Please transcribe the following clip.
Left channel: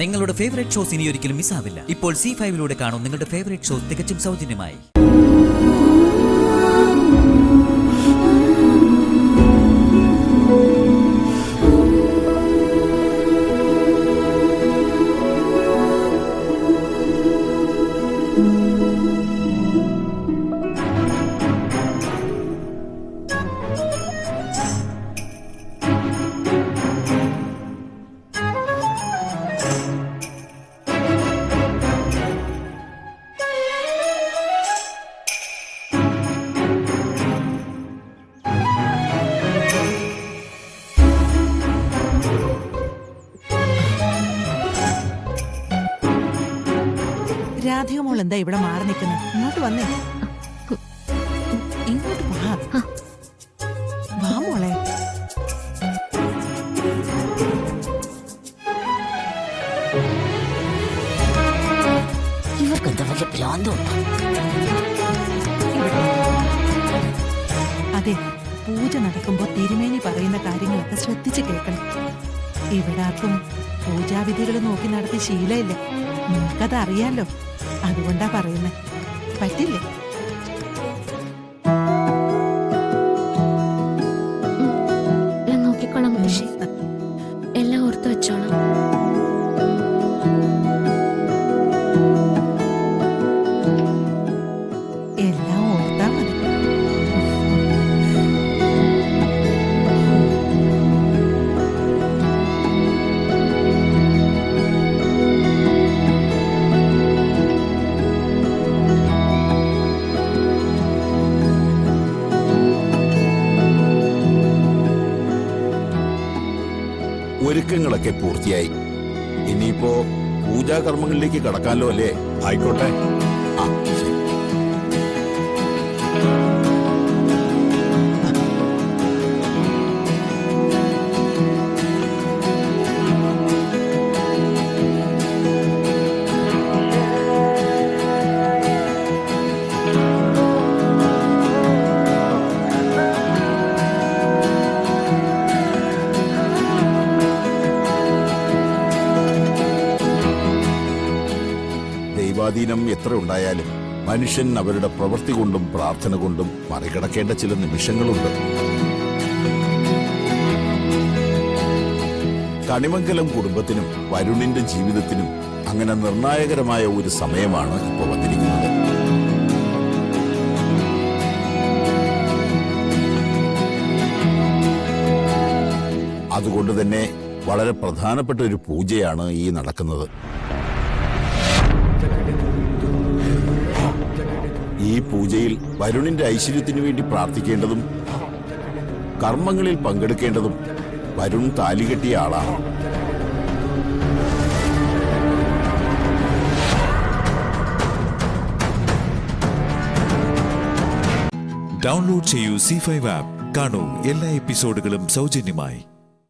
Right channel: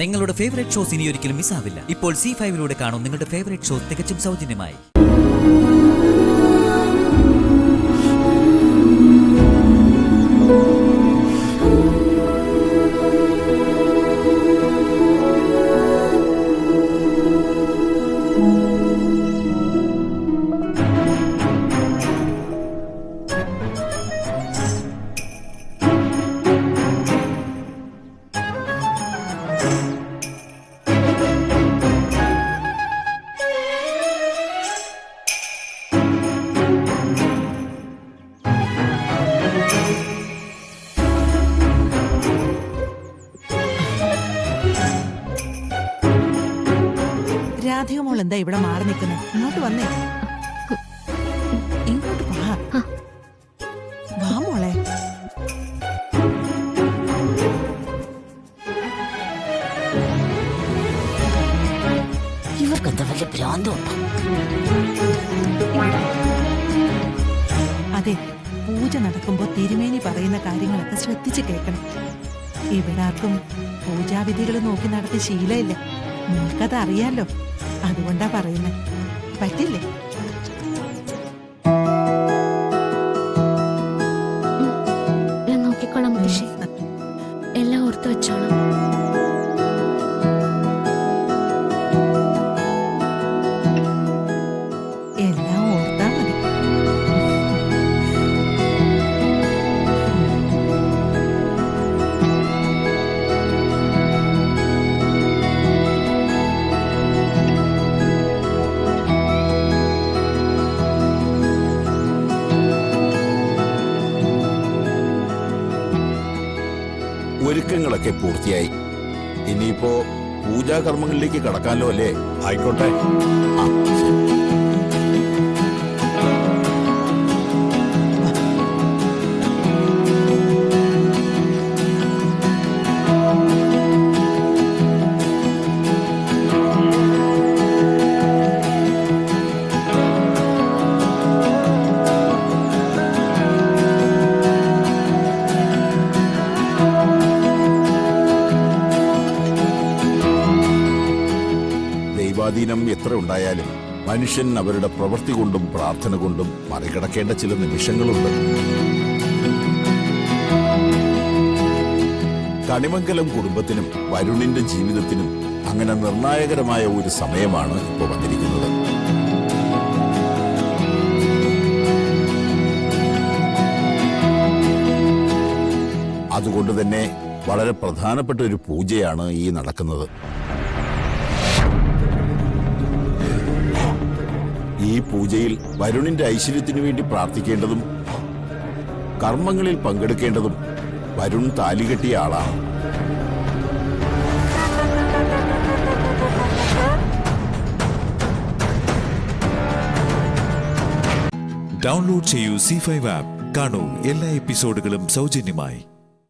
നിങ്ങളുടെ favourite shows ഇനി ഒരിക്കലും മിസ്സാവില്ല. ഇപ്പോൾ C5 കാണും നിങ്ങളുടെ ഫേവറേറ്റ് ഷോസ് തികച്ചും സൗജന്യമായി. രാധിക മോൾ എന്താ ഇവിടെ മാറി നിൽക്കുന്നത്? ഇങ്ങോട്ട് വന്നേ, ഇങ്ങോട്ട് വാ മോളെ. ഇവർക്കെന്താ വല്ല ഭ്രാന്തുണ്ടോ? അതെ, പൂജ നടക്കുമ്പോ തിരുമേനി പറയുന്ന കാര്യങ്ങളൊക്കെ ശ്രദ്ധിച്ച് കേൾക്കണം. ഇവിടെ ആർക്കും പൂജാവിധികൾ നോക്കി നടത്തി ശീലമില്ല. നിനക്കത് അറിയാലോ, അതുകൊണ്ടാ പറയുന്നേ. പറ്റില്ലേ? ഞാൻ നോക്കിക്കോളാം മുത്തശ്ശി, എല്ലാം ഓർത്ത് വെച്ചോളാം. എല്ലാം ഓർത്താ മതി. ഒരുക്കങ്ങളൊക്കെ പൂർത്തിയായി. ഇനിയിപ്പോ പൂജാകർമ്മങ്ങളിലേക്ക് കടക്കാമല്ലോ അല്ലേ? ആയിക്കോട്ടെ. ആ ശരി. ദൈവാധീനം എത്ര ഉണ്ടായാലും മനുഷ്യൻ അവരുടെ പ്രവൃത്തി കൊണ്ടും പ്രാർത്ഥന കൊണ്ടും മറികടക്കേണ്ട ചില നിമിഷങ്ങളുണ്ട്. കണിമംഗലം കുടുംബത്തിനും വരുണിന്റെ ജീവിതത്തിനും അങ്ങനെ നിർണായകരമായ ഒരു സമയമാണ് ഇപ്പോൾ വന്നിരിക്കുന്നത്. അതുകൊണ്ട് തന്നെ വളരെ പ്രധാനപ്പെട്ട ഒരു പൂജയാണ് ഈ നടക്കുന്നത്. ഈ പൂജയിൽ വരുണിന്റെ ഐശ്വര്യത്തിനു വേണ്ടി പ്രാർത്ഥിക്കേണ്ടതും കർമ്മങ്ങളിൽ പങ്കെടുക്കേണ്ടതും വരുൺ താലികെട്ടിയ ആളാണ്. ഡൗൺലോഡ് ചെയ്യൂ C5 ആപ്പ്. കാണൂ എല്ലാ എപ്പിസോഡുകളും സൗജന്യമായി.